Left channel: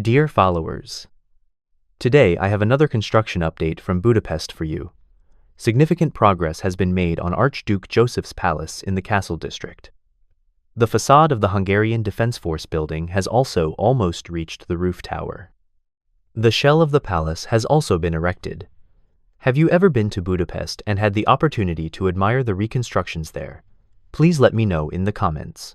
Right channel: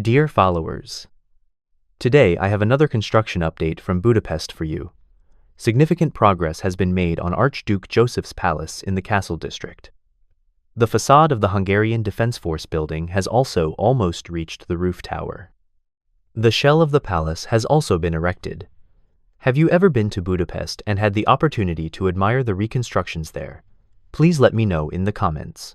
Dear followers, today I have another construction update from Budapest for you. Significant progress has been made on Archduke Joseph's Palace in the Castle District. The facade of the Hungarian Defense Force building has also almost reached the roof tower. The shell of the palace has also been erected. Have you ever been to Budapest and had the opportunity to admire the reconstructions there? Please let me know in the comments.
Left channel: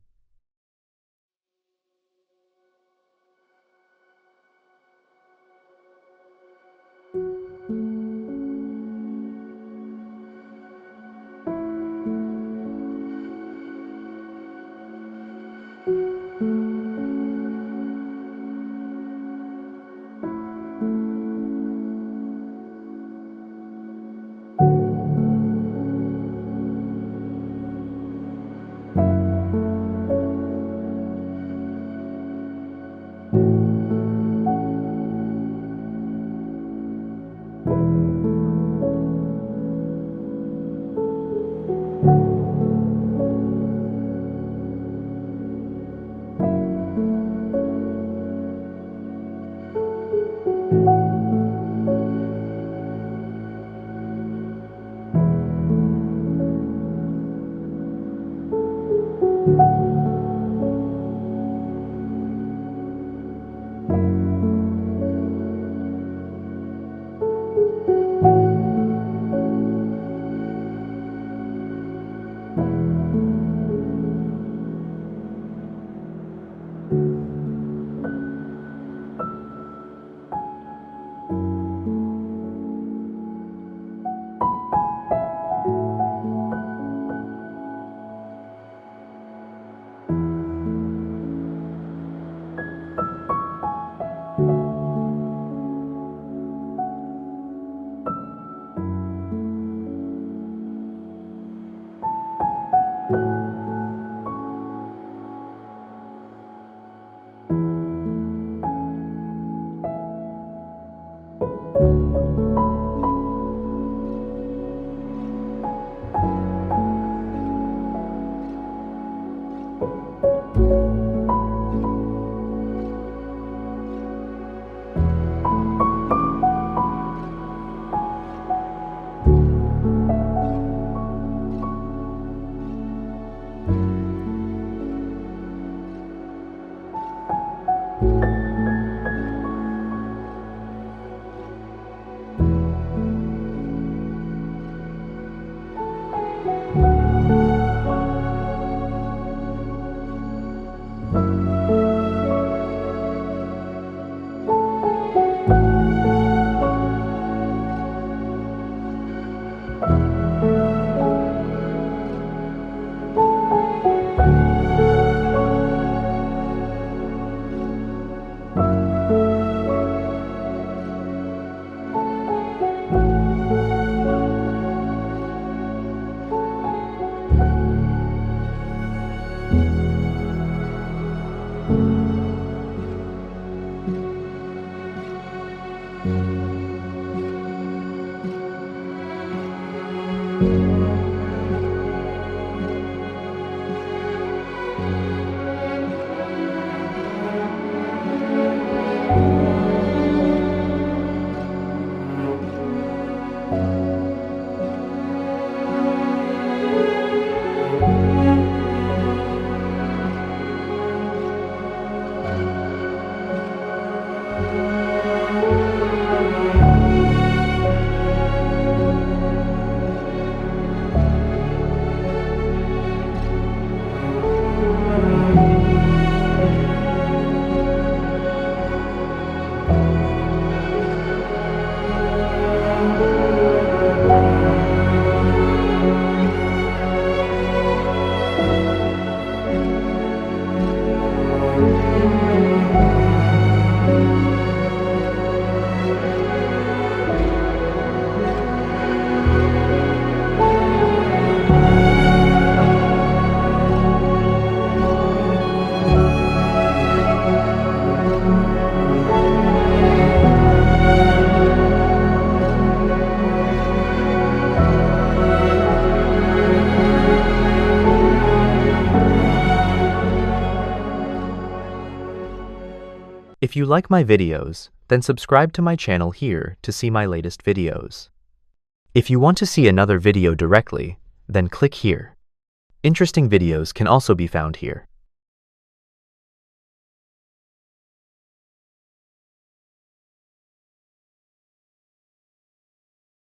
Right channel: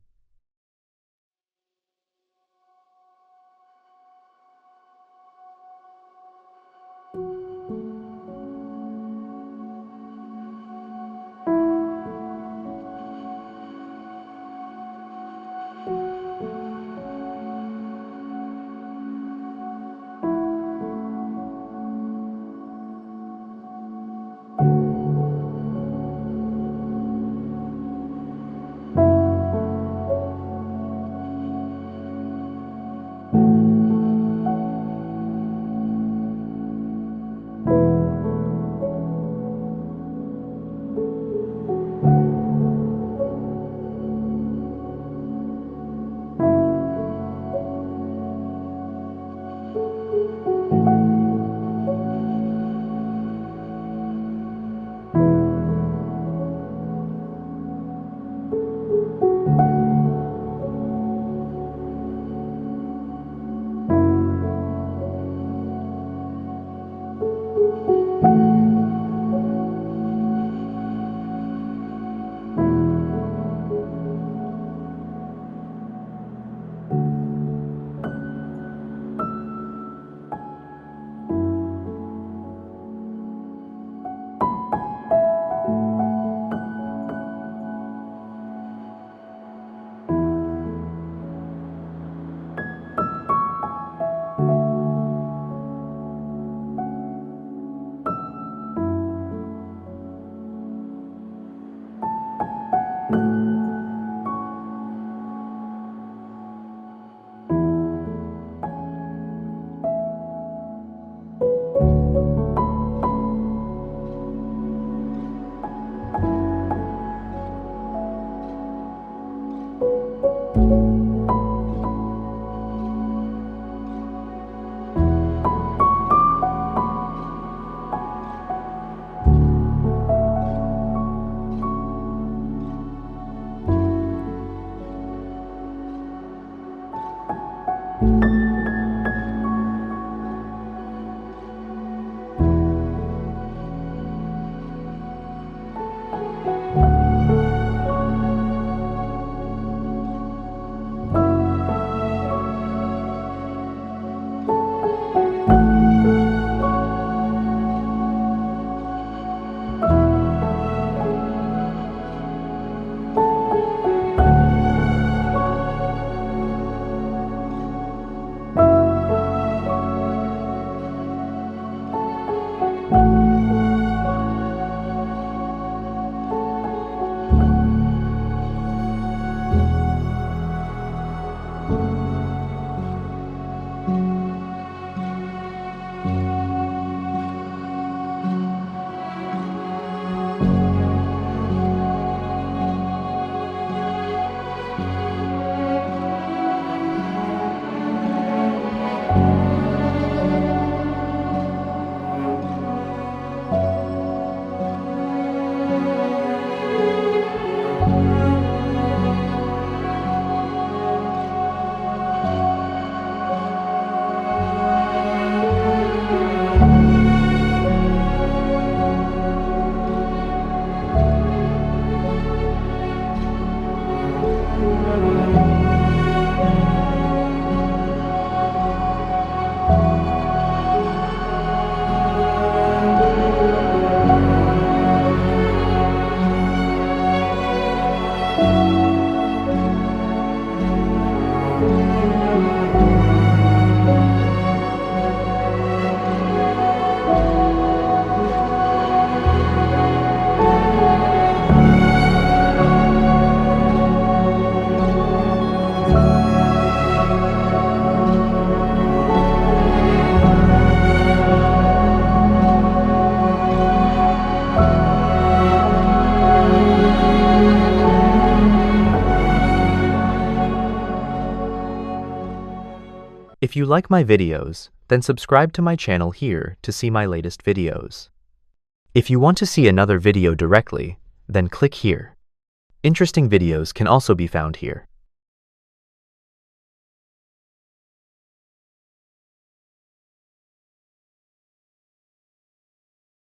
If you like my videos, then subscribe to my channel here to see my latest videos. If you want to see another video directly, then click here. Interesting videos can also be found here.